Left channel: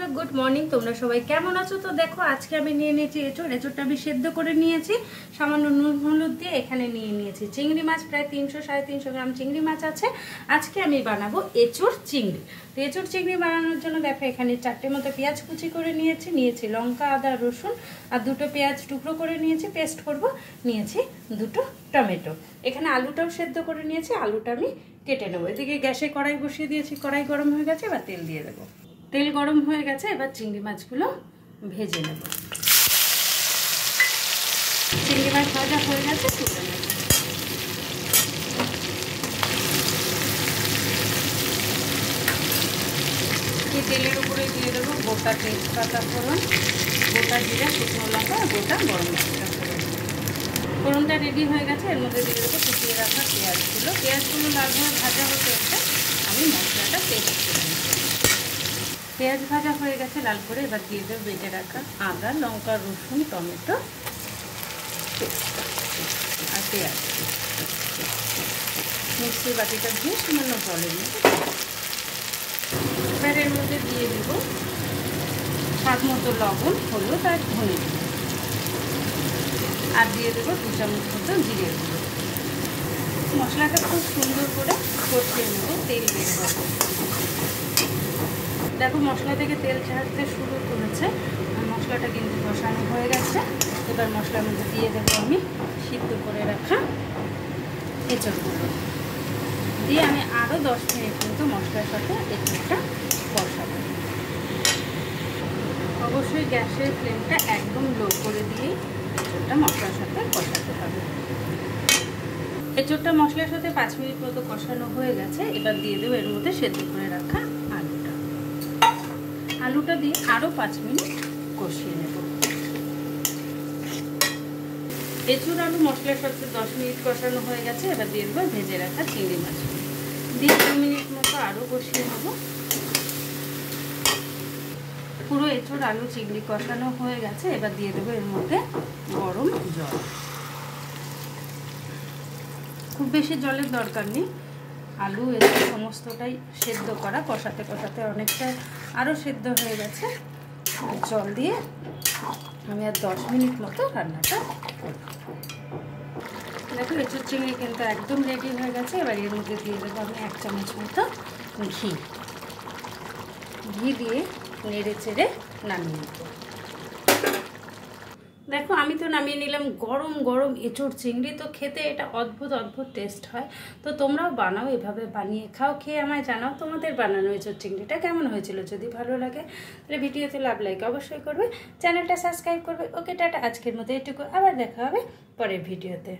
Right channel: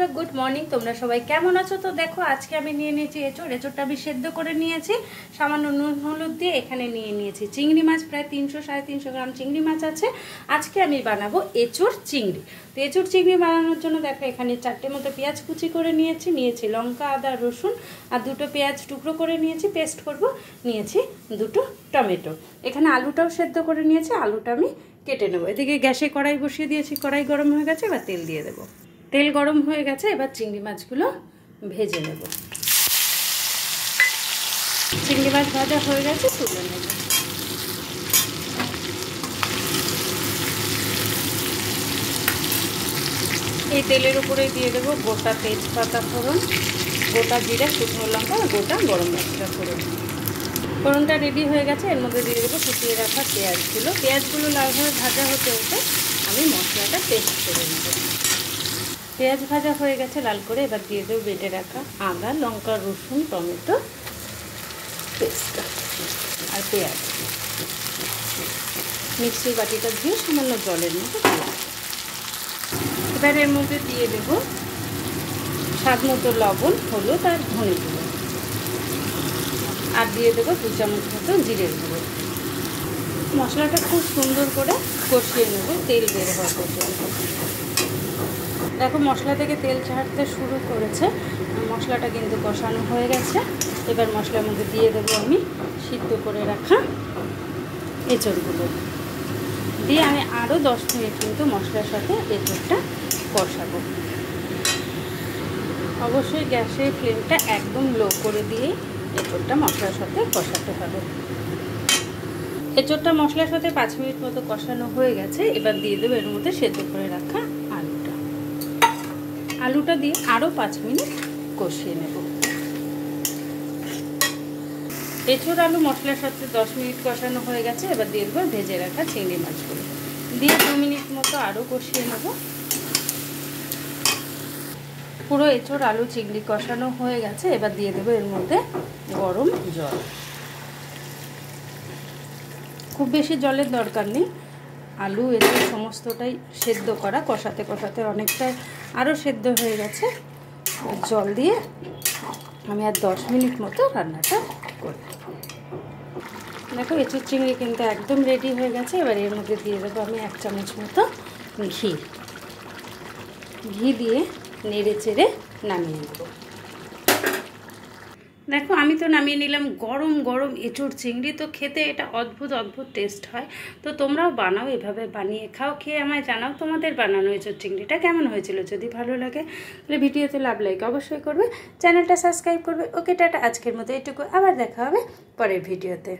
বন্ধুরা good morning. তোমরা সবাই কেমন আছো? তো দেখো আজকে আমি নিয়ে নিয়েছি এঁচোড়টা আমি সেদ্ধ করে নিয়েছি সামান্য নুন হলুদ দিয়ে। এখানে নিয়ে নিয়েছি চিংড়ি মাছ, প্রায় 300-350 গ্রাম চিংড়ি মাছ আছে। আজকে আমি বানাবো এঁচোড় চিংড়ি। তো এঁচোড় চিংড়ি বানানোর জন্য দেখো এখানে 4টে মতো পেঁয়াজ কুচি করে নিয়েছি লঙ্কা, আদা, রসুন আর 2টো পেঁয়াজ টুকরো করে নিয়েছি, পেস্ট করব। নিয়েছি 2টো টমেটো। এখানে আলুটাও সেদ্ধ করে নিয়েছি, আলুটা আমি কেটে নেবো। এদিকে গ্যাসে কড়াই বসিয়ে দিয়েছি, কড়াই গরম হয়ে গেছে, এবার তেল দিয়ে দেবো। তেল গরম হয়ে গেছে, এবার চিংড়ি মাছগুলো ভেজে নেব। চিংড়ি মাছ ভাজা হয়ে গেছে, তুলে নেব। এই তেলের উপরে দিয়ে দেবো গোটা তেজপাতা ফোড়ন, গোটা জিরা, শুকনো লঙ্কা, গোটা গরম মশলা ফোড়ন। ফোড়নটা রেডি হয়ে গেছে, এর মধ্যে দিয়ে দেবো কুচিয়ে রাখা পেঁয়াজগুলো লালভাবে ভাজা হতে হতে আমি মশলাটা পেস্ট করে নেব। পেঁয়াজ ভাজা হয়ে গেছে লাল করে, এবার দিয়ে দেবো বেটে রাখা আদা, লঙ্কা, রসুন, টমেটো পেস্ট আর পেঁয়াজ। মিক্সির বাটিটা ধুয়ে সামান্য জলের মধ্যে এবার এর মধ্যে দিয়ে দেবো স্বাদ মতো লবণ, হলুদ আর ধনে গুঁড়ো, আর দিয়ে দেবো 2 চামচ মতো জিরে গুঁড়ো। মশলাটা খুব সুন্দর করে কষিয়ে নেবো তেল বের হওয়া পর্যন্ত। দেখো মশলা থেকে তেল ছাড়তে শুরু করেছে, মশলাটা কিন্তু কষানো হয়ে গেছে। এবার মশলার মধ্যে দিয়ে দেবো আমি সিদ্ধ করে রাখা এঁচোড়গুলো দিয়ে আমি আরও 10 মিনিট কিন্তু মশলার সাথে এঁচোড়টা কষাবো। অবশ্যই গ্যাসের ফ্লেমটা একদম লো করে দিয়েই এঁচোড়টা মশলার সাথে কষাতে হবে। এঁচোড়টা মশলার সাথে 5 মিনিট মতো কষানো হয়ে গেছে, এবার দিয়ে দেবো এর মধ্যে সেদ্ধ করে রাখা আলুটা দিয়ে আরও 5 মিনিট কষিয়ে নেব। এঁচোড় আলু মশলার সাথে 10 মিনিট কষানো হয়ে গেছে, এবার দিয়ে দেবো ভেজে রাখা চিংড়ি মাছগুলো দিয়ে 2 মিনিট মতো আরও কষিয়ে নেব। পুরো এঁচোড় আলু চিংড়ি কষানো হয়ে গেছে, এবার দিয়ে দেবো এর মধ্যে গরম জল। খুব বেশি জলের দরকার নেই, আলু এঁচোড় সমস্তটাই সেদ্ধ করা, কষাতে কষাতে অনেকটাই আরও সেদ্ধ হয়ে গেছে। জল দিয়ে আমি আর 10 মিনিট মতো রান্নাটা করি। দেখো এঁচোড় চিংড়ি কিন্তু একদম রেডি হয়ে গেছে। এবার এর মধ্যে দিয়ে দেবো আমি 1 চামচ মতো ঘি দিয়ে নেড়ে চেড়ে নামিয়ে নেব। দেখো আমি তো নামিয়ে নিলাম গরম গরম এঁচোড় চিংড়ি। তো খেতে এটা অদ্ভুত টেস্ট হয়। তো তোমরাও বানাও, এভাবে বানিয়ে খাও, খেয়ে আমায় জানাও তোমাদের বানানো এঁচোড় চিংড়িটা কেমন হয়েছিল। যদি ভালো লাগে তাহলে ভিডিওতে লাইক অবশ্যই করবে, চ্যানেলটা সাবস্ক্রাইব করবে। ওকে টাটা, আজকের মতো এটুকু, আবার দেখা হবে পরের ভিডিওতে।